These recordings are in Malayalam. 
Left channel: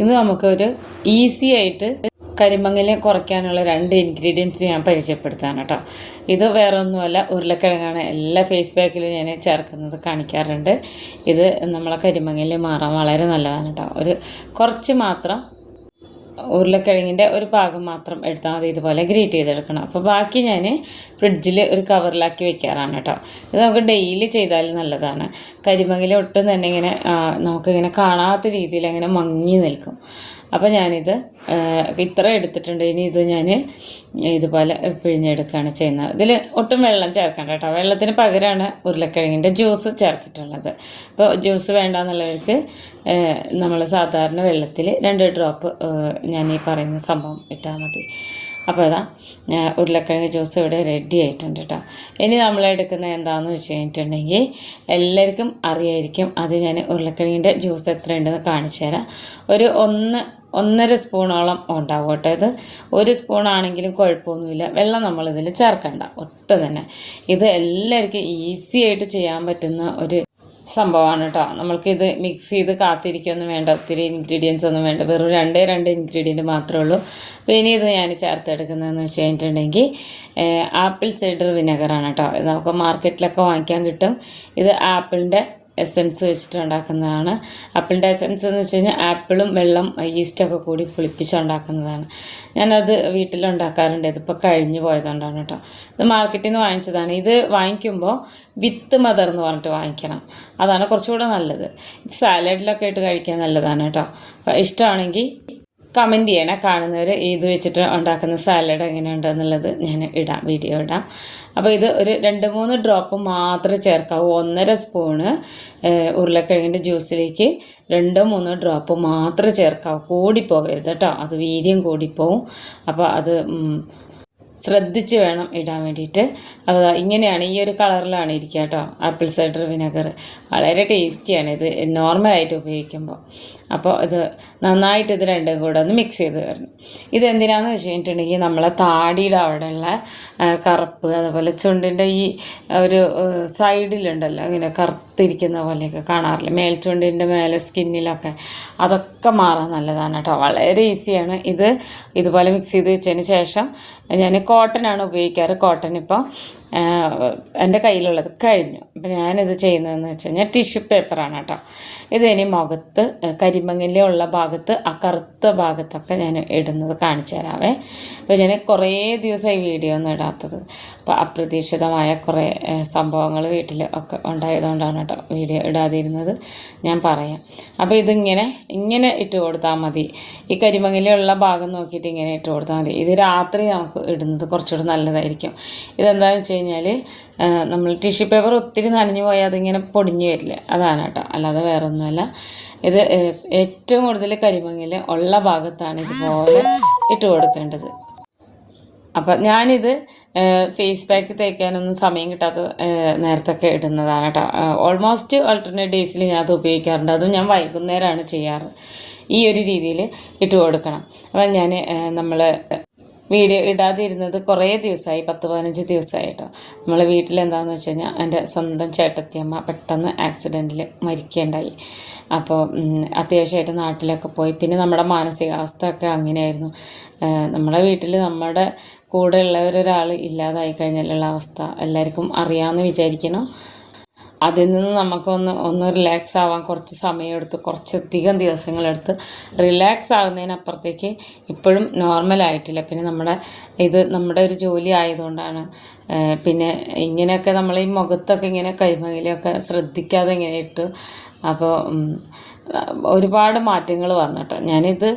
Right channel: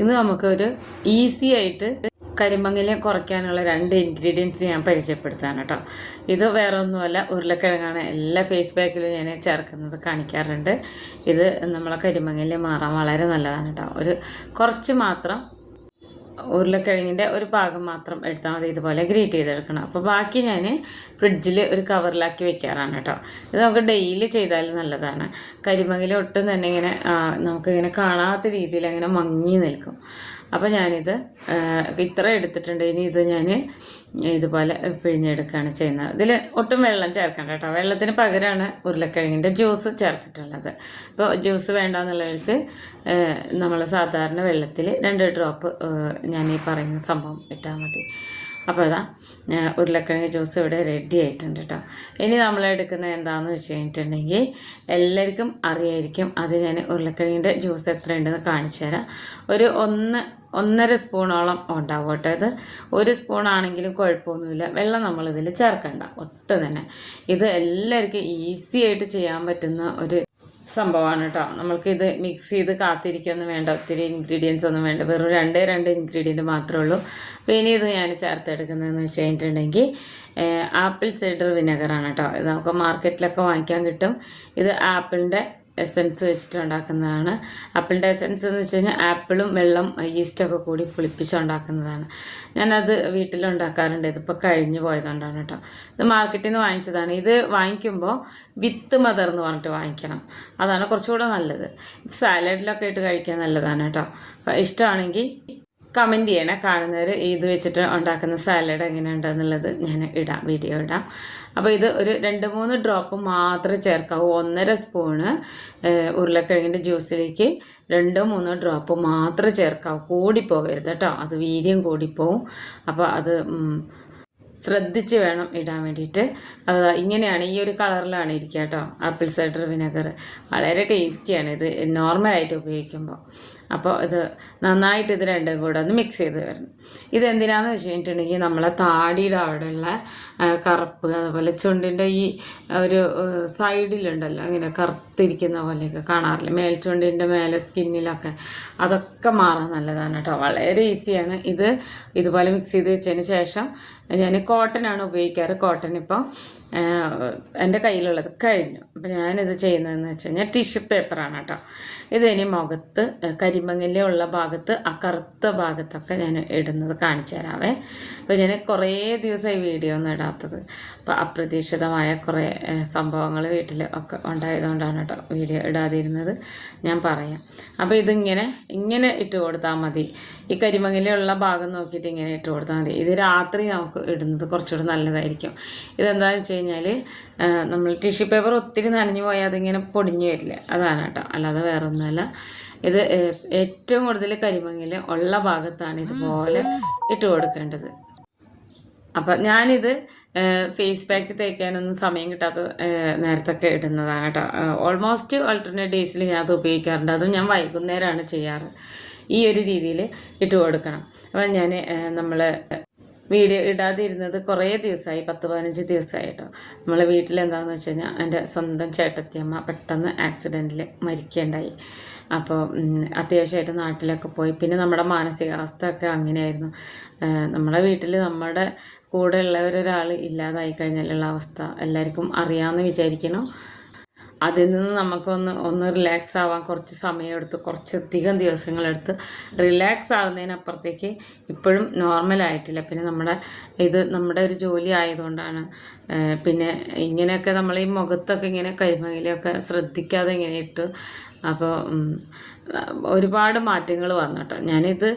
ഇന്ന് നമുക്കൊരു ഈസി ആയിട്ട് കരിമങ്ങല് കുറയ്ക്കാനുള്ള 2 ഇൻഗ്രീഡിയൻസ് ഞാൻ പരിചയപ്പെടുത്താൻ കേട്ടോ. ഇത് വേറെ ഒന്നുമല്ല, ഉരുളക്കിഴങ്ങാണ്. എല്ലാ ഫേസ് പാക്കിലും ഞാൻ ചേർക്കുന്നത് കാണിക്കാറുണ്ട്. ഇത് നമ്മളെ കരിമങ്ങല് മാറാൻ വളരെ നല്ലതാണ് കേട്ടോ. ഒരു കുറച്ച് മാത്രം ഉരുളക്കിഴങ്ങിൻ്റെ ഒരു ഭാഗം മാത്രം എടുത്താൽ മതി. ഇതുപോലെ ഗ്രേറ്റ് ചെയ്തെടുക്കണം. അപ്പോൾ ബാക്കി ഞാൻ ഫ്രിഡ്ജിൽ ഒരു കവറിലാക്കി വെക്കാറാണ് കേട്ടോ. ഇത് നമുക്ക് ഡെയിലി ചെയ്താലും നല്ലതാണ്. കരിമങ്ങല ഒട്ടും തന്നെ ഇങ്ങനെ നമുക്കിങ്ങനെ കാണാത്ത രീതിയിൽ അങ്ങനെ മങ്ങി നിൽക്കും. അപ്പോൾ ഞാനിത് ഇത്ര എടുത്തിട്ടുണ്ട്. ഇനി ഇത് ഞാൻ ഇതുപോലെ പിഴിഞ്ഞെടുക്കുകയാണ് ചെയ്യുന്നത്. ഇതിൽ ഒട്ടും വെള്ളം ചേർക്കണ്ട കേട്ടോ. വെള്ളത്തിന് പകരമാണ് ഉരുളക്കിഴങ്ങിൻ്റെ ജ്യൂസ് ചേർത്തിട്ടുള്ളത്. അപ്പോൾ ജ്യൂസ് വേണ്ടാന്നുള്ളവർക്ക് നമ്മൾ സാധാരണ വെള്ളത്തിൽ 2 ഡ്രോപ്പ് ഞാൻ ഈ പറയുന്ന സംഭവം ഇട്ടാൽ മതി. അപ്പോൾ ഇതാ ഉരുളക്കിഴങ്ങ് ജ്യൂസ് ഇവിടെ റെഡി ആയിട്ടുണ്ട് കേട്ടോ. ഇനി നമ്മൾ എടുക്കുന്നത് എന്താണെന്ന് വെച്ച് കഴിഞ്ഞിട്ടുണ്ടെങ്കിൽ എല്ലാവർക്കും അറിയായിരിക്കും. അത് ഞാൻ ഉരുളക്കിഴങ്ങിൻ്റെ ജ്യൂസ് എത്ര ഉണ്ടെന്ന് കാണിച്ചു തരാം. ഒരു 1.5 സ്പൂണോളം ഉണ്ടാവും കേട്ടോ. ഇത് 1 സ്പൂണാണെങ്കിലും കുഴപ്പമൊന്നുമില്ല. വെള്ളം നമ്മളിതിൽ ചേർക്കണ്ട ഒട്ടും തന്നെ. ഇത് എല്ലാവർക്കും ഈസി ആയിട്ട് ചെയ്യാൻ പറ്റുന്ന ഒരു സംഭവമാണ് കേട്ടോ. നമ്മൾക്കിത് മിക്സ് ചെയ്ത് കാത്തിരിക്കൊന്നും വേണ്ട, ഒത്തിരി ഇൻഗ്രീഡിയൻസ് ഒന്നും വേണ്ട. വെറും 2 ഇൻഗ്രീഡിയൻറ്റ് മാത്രമേ ഉള്ളൂ. അപ്പോൾ ഇനി ഇത് ഞാൻ ചേർത്തെടുക്കുന്നതെന്ന് വെച്ച് കഴിഞ്ഞിട്ടുണ്ടെങ്കിൽ ആപ്പിൾ സൈഡർ വിനെഗറാണ് കേട്ടോ. ഇത് നമുക്ക് മാർക്കറ്റിലൊക്കെ വാങ്ങിക്കാൻ കിട്ടും. ഇത് ആപ്പിളിൻ്റെ എസൻസ് വെച്ചിട്ട് ഉണ്ടാക്കുന്നതാണ്. ആപ്പിളിൻ്റെ എസൻസ് എന്ന് വെച്ച് കഴിഞ്ഞാൽ ആപ്പിളും വെള്ളം ഈസ്റ്റൊക്കെ കൂടി പുളിപ്പിച്ചുണ്ടാക്കുന്നതാണ്. ഞാനത് വീട്ടിലുണ്ടാക്കാറുണ്ട്. ഇതിപ്പോൾ കഴിഞ്ഞു പോയതുകൊണ്ടാണ് കേട്ടോ. ഇത് മാർക്കറ്റിൽ നിന്ന് വാങ്ങിച്ചതാണ്. ഇത് വാങ്ങിക്കുമ്പോൾ വിത്ത് മദർ എന്ന് പറഞ്ഞിട്ട് വാങ്ങിക്കണം. അതാണ് കുറച്ചുകൂടെ നല്ലത്. ഇത് സാലഡിലൊക്കെ ഇട്ട് കഴിക്കാൻ നല്ലതാണ് കേട്ടോ. അപ്പോൾ ഇഷ്ടമാണെങ്കിൽ കമൻറ്റ് ചെയ്യണേ. കാണുന്നവർ ഇത് വെച്ചിട്ട് ഉണ്ടാക്കുന്ന സാലഡ് എങ്ങനെയുണ്ടെന്നുള്ളത് ഞാൻ വീഡിയോ ഇടാം. അപ്പോൾ ഇത് ഒരു 2-3 ഡ്രോപ്പ് മാത്രമേ ചേർക്കാവൂ. 1.5 സ്പൂണ് ഉരുളക്കിഴങ്ങിൻ്റെ ജ്യൂസിലേക്ക് 2-3 ഡ്രോപ്പ് മാത്രമേ ചേർക്കാവൂ. കൂടിപ്പോകരുത് കേട്ടോ. അത് വീര്യം കൂടിപ്പോവും. അപ്പോൾ അത് ശ്രദ്ധിച്ച് വേണം ഇടാൻ വേണ്ടിയിട്ട്. അത് ഇങ്ങനെയാണ്, ഈ ഒരു കളറിലാണ് ഇരിക്കുക കേട്ടോ. ആപ്പിൾ സൈഡർ വിനെഗർ വളരെ ടേസ്റ്റിയാണ് ഇത് നോർമലായിട്ട് ഉപയോഗിക്കുമ്പോൾ. അപ്പോൾ ഇത് നന്നായിട്ട് ഇത് രണ്ടും കൂടെ ഒന്ന് മിക്സ് ചെയ്ത് വരണം. ഇതെന്തിനാണെന്ന് വെച്ച് കഴിഞ്ഞിട്ടുണ്ടെങ്കിൽ നമ്മളെ താടിയുടെ അവിടെയുള്ള കറുപ്പ്, അതുപോലെ ചുണ്ടിൻ്റെ ഈ ഒരു സൈഡിലുണ്ടല്ലോ ഇങ്ങനെ കറുത്തിരിക്കുന്ന പോലെയൊക്കെ കാണാറില്ല, മേൽചുണ്ടിൻ്റെ മേലെ സ്കിന്നിലൊക്കെ, അതൊക്കെ മാറാൻ നല്ലതാണ് കേട്ടോ. വളരെ ഈസിയാണ്. ഇത് ഇതുപോലെ മിക്സ് ചെയ്ത് വെച്ചതിന് ശേഷം ഞാൻ കോട്ടനാണ് ഉപയോഗിക്കാറ്. കോട്ടൺ ഇപ്പോൾ എൻ്റെ കയ്യിലുള്ളത് കഴിഞ്ഞു. അപ്പോൾ ഞാനിത് ചെയ്യുന്നതെന്ന് വെച്ച് കഴിഞ്ഞാൽ ടിഷ്യൂ പേപ്പറാണ് കേട്ടോ. ഇതിനി മുഖത്ത് കരിമങ്ങല ഉള്ള ഭാഗത്ത്, ആ കറുത്ത ഭാഗത്തൊക്കെ ഞാൻ ഇടുന്നത് കാണിച്ചു തരാവേ. അപ്പോൾ ഞാൻ കുറേ ദിവസമായി വീഡിയോ ഒന്നും ഇടാത്തത്. അപ്പോൾ അപ്രതീക്ഷിതമായ കുറേ സംഭവങ്ങൾ വീട്ടിൽ ഒക്കെ ഉണ്ടായതുകൊണ്ടാണ് കേട്ടോ വീഡിയോ ഇടാതിരുന്നത്. ഞാൻ പറയാം. അപ്പോൾ ഇതിങ്ങനെ ഇട്ട് കൊടുത്താൽ മതി. ഈ കരിമങ്ങലയുള്ള ഭാഗം നോക്കിയിട്ട് ഇങ്ങനെ ഇട്ട് കൊടുത്താൽ മതി. ഇത് രാത്രി നമുക്ക് ഇടുന്നത് കുറച്ചുകൂടി നല്ലതായിരിക്കും. ഇതെന്താണെന്ന് വെച്ച് കഴിഞ്ഞാൽ നമ്മൾ ടിഷ്യൂ പേപ്പർ ഒത്തിരി നനഞ്ഞു പോയാൽ അതിങ്ങനെ പൊടിഞ്ഞു വരില്ല, അതാണ് കേട്ടോ. അല്ലാതെ വേറെ ഒന്നുമല്ല. ഇത് ഏറ്റവും കൂടുതൽ കരിമങ്ങല ഉള്ള ഭാഗത്താണ് ഇതുപോലെ ഇട്ട് കൊടുക്കേണ്ടത്. അപ്പം ഞാനിത് ഫേസ് പാക്ക് തേക്കാനൊന്നും സമയം കിട്ടാത്ത നേരത്തൊക്കെ ഇടുന്നതാണ് കേട്ടോ. ഓൾമോസ്റ്റ് ആൾട്ടർനേറ്റ് ഡേയ്സിൽ ഞാൻ അത് ഉപയോഗിക്കാറുണ്ട്. അതും ഞാൻ വൈകുന്നേരമാണ് ചെയ്യാറ്. ഈ ഒരു രീതിയിൽ ഇട്ട് കൊടുക്കണം. അപ്പം ഞാൻ നമ്മൾ വീഡിയോ ഇടാതിരുന്നത് കുറേ ദിവസമായി, 10-15 ദിവസമായി കേട്ടോ. നമ്മളെ വീട്ടിലെന്താണെന്ന് വെച്ച് കഴിഞ്ഞാൽ എൻ്റെ സ്വന്തം ചേട്ടത്തിയമ്മ പെട്ടെന്ന് ആക്സിഡൻറ്റിൽ മരിക്കുകയുണ്ടായി. അപ്പോൾ അത്യാവശ്യമായിട്ട് നാട്ടിലൊക്കെ പോയി. പിന്നെ നമ്മുടെ മാനസികാവസ്ഥ ഒക്കെ അങ്ങനെയായിരുന്നു. നമ്മുടെ വീട്ടിൽ നമ്മുടെ കൂടെ ഉള്ളവരൊരാൾ ഇല്ലാതായി കഴിഞ്ഞാലുള്ള അവസ്ഥ എല്ലാവർക്കും അറിയാമെന്ന് വിചാരിക്കണം. അതിൽ നിന്ന് നമുക്കൊന്ന് റിലാക്സ് ആവാൻ കുറച്ച് സമയമെടുത്ത്, കുറച്ചധികം ദിവസങ്ങളെടുത്ത് റിലാക്സ് ആകുന്നതിനപ്പുറത്തേക്ക് ഇപ്പോഴും നോർമലായിട്ടില്ല. പിന്നെ നമ്മുടെ ഒരു ജോലി ആയതുകൊണ്ടാണ്. പിന്നെ ഇങ്ങനെയൊക്കെ നമ്മൾ ഈ മുഖത്തൊക്കെ ഇങ്ങനെ കരിമങ്ങലയൊക്കെ ശ്രദ്ധിക്കാതെ ഇങ്ങനെ ഇട്ട്, അപ്പോൾ ഒരുപാട് മാറ്റങ്ങൾ വന്നു കേട്ടോ. ഞാനിത്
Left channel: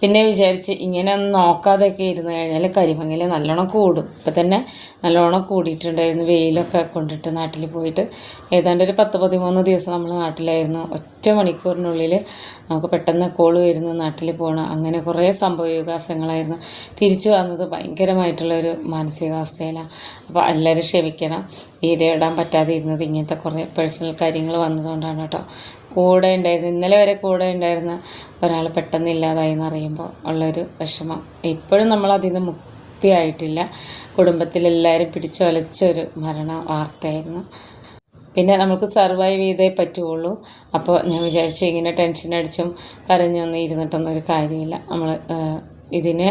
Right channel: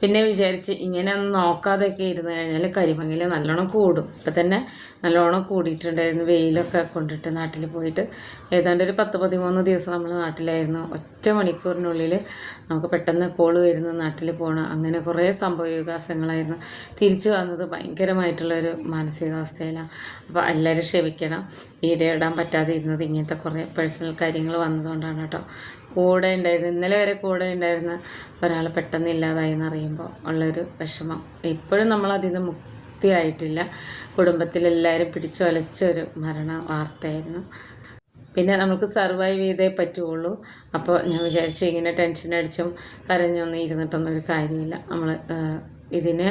പിന്നെ വിചാരിച്ച് ഇങ്ങനെ ഒന്ന് നോക്കാതെയൊക്കെ ഇരുന്ന് കഴിഞ്ഞാൽ കരിമങ്ങല നല്ലോണം കൂടും. ഇപ്പം തന്നെ നല്ലോണം കൂടിയിട്ടുണ്ടായിരുന്നു. വെയിലൊക്കെ കൊണ്ടിട്ട് നാട്ടിൽ പോയിട്ട് ഏതാണ്ട് ഒരു 10-13 ദിവസം നമ്മൾ നാട്ടിലായിരുന്നു. 1 മണിക്കൂറിനുള്ളിൽ നമുക്ക് പെട്ടെന്ന് കോള് വരുന്നു, നാട്ടിൽ പോകണം, അങ്ങനെ കുറേ സംഭവവികാസങ്ങളായിരുന്നു. തിരിച്ചു വന്നത് ഭയങ്കരമായിട്ടുള്ളൊരു മാനസികാവസ്ഥയിലാണ്. അപ്പോൾ എല്ലാവരും ക്ഷമിക്കണം, വീഡിയോ ഇടാൻ പറ്റാതെ ഇരുന്നത് ഇങ്ങനത്തെ കുറേ പേഴ്സണൽ കാര്യങ്ങൾ വന്നതുകൊണ്ടാണ് കേട്ടോ. കൂടെ ഉണ്ടായിരുന്നു, ഇന്നലെ വരെ കൂടെ ഉണ്ടായിരുന്ന ഒരാൾ പെട്ടെന്ന് ഇല്ലാതായി എന്നറിയുമ്പോൾ ഉള്ളൊരു വിഷമം ഇപ്പോഴും നമ്മളതിൽ നിന്ന് മുക്തിയായിട്ടില്ല. കുടുംബത്തിലെല്ലാവരും പിടിച്ചൊലച്ചൊരു മരണ വാർത്തയായിരുന്നു. പിന്നെ നമുക്ക് സർവൈവ് ചെയ്തേ പറ്റുള്ളൂ. അപ്പോൾ ഞാൻ വിചാരിച്ചു ഇങ്ങനെ ടെൻഷൻ അടിച്ചും കരഞ്ഞൊന്നും ഇരുന്നിട്ടൊന്നും ഒരു കാര്യമില്ല. നമ്മൾ ഇതിന്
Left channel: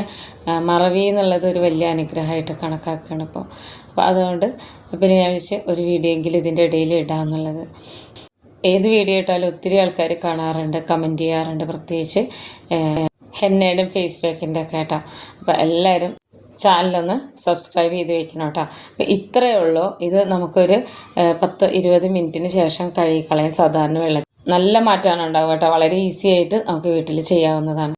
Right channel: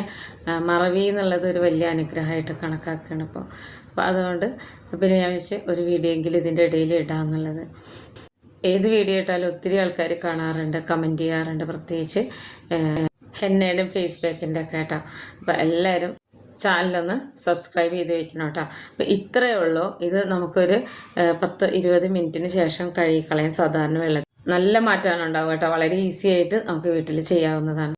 മറവി എന്നുള്ളത് ഒരു വലിയ അനുഗ്രഹമായിട്ട് കണക്കാക്കുകയാണ് ഇപ്പോൾ. അപ്പോൾ അതുകൊണ്ട് പിന്നെ ഞാൻ വിചാരിച്ച് ഒരു വീഡിയോ എങ്കിലും ഇതിൻ്റെ ഇടയിൽ ഇടാമെന്നുള്ളത്. ഏത് വീഡിയോ ഇട്ടാലും ഒത്തിരി ആൾക്കാർ കാണാറുണ്ട്, കമൻറ്റ് ചെയ്യാറുണ്ട്, പ്രത്യേകിച്ച് ഹെന്നയുടെയും ഫേസ് പാക്കിൻ്റെ ഒക്കെ കേട്ടോ. അപ്പോൾ എല്ലാവരും ചാനലൊന്ന് സബ്സ്ക്രൈബ് ചെയ്ത് വെക്കണം കേട്ടോ. അപ്പോൾ ഇത്രയേ ഉള്ളൂ. ഇത് നമുക്കൊരു 10-20 മിനിറ്റിന് ശേഷം കഴുകിക്കളയാൻ സാധാരണ വെള്ളം. നല്ല മാറ്റമാണ് ഉണ്ടാവുക കേട്ടോ. വളരെ ഈസി ആയിട്ട് നമുക്ക് വീട്ടിൽ ചെയ്യാവുന്നതാണ്.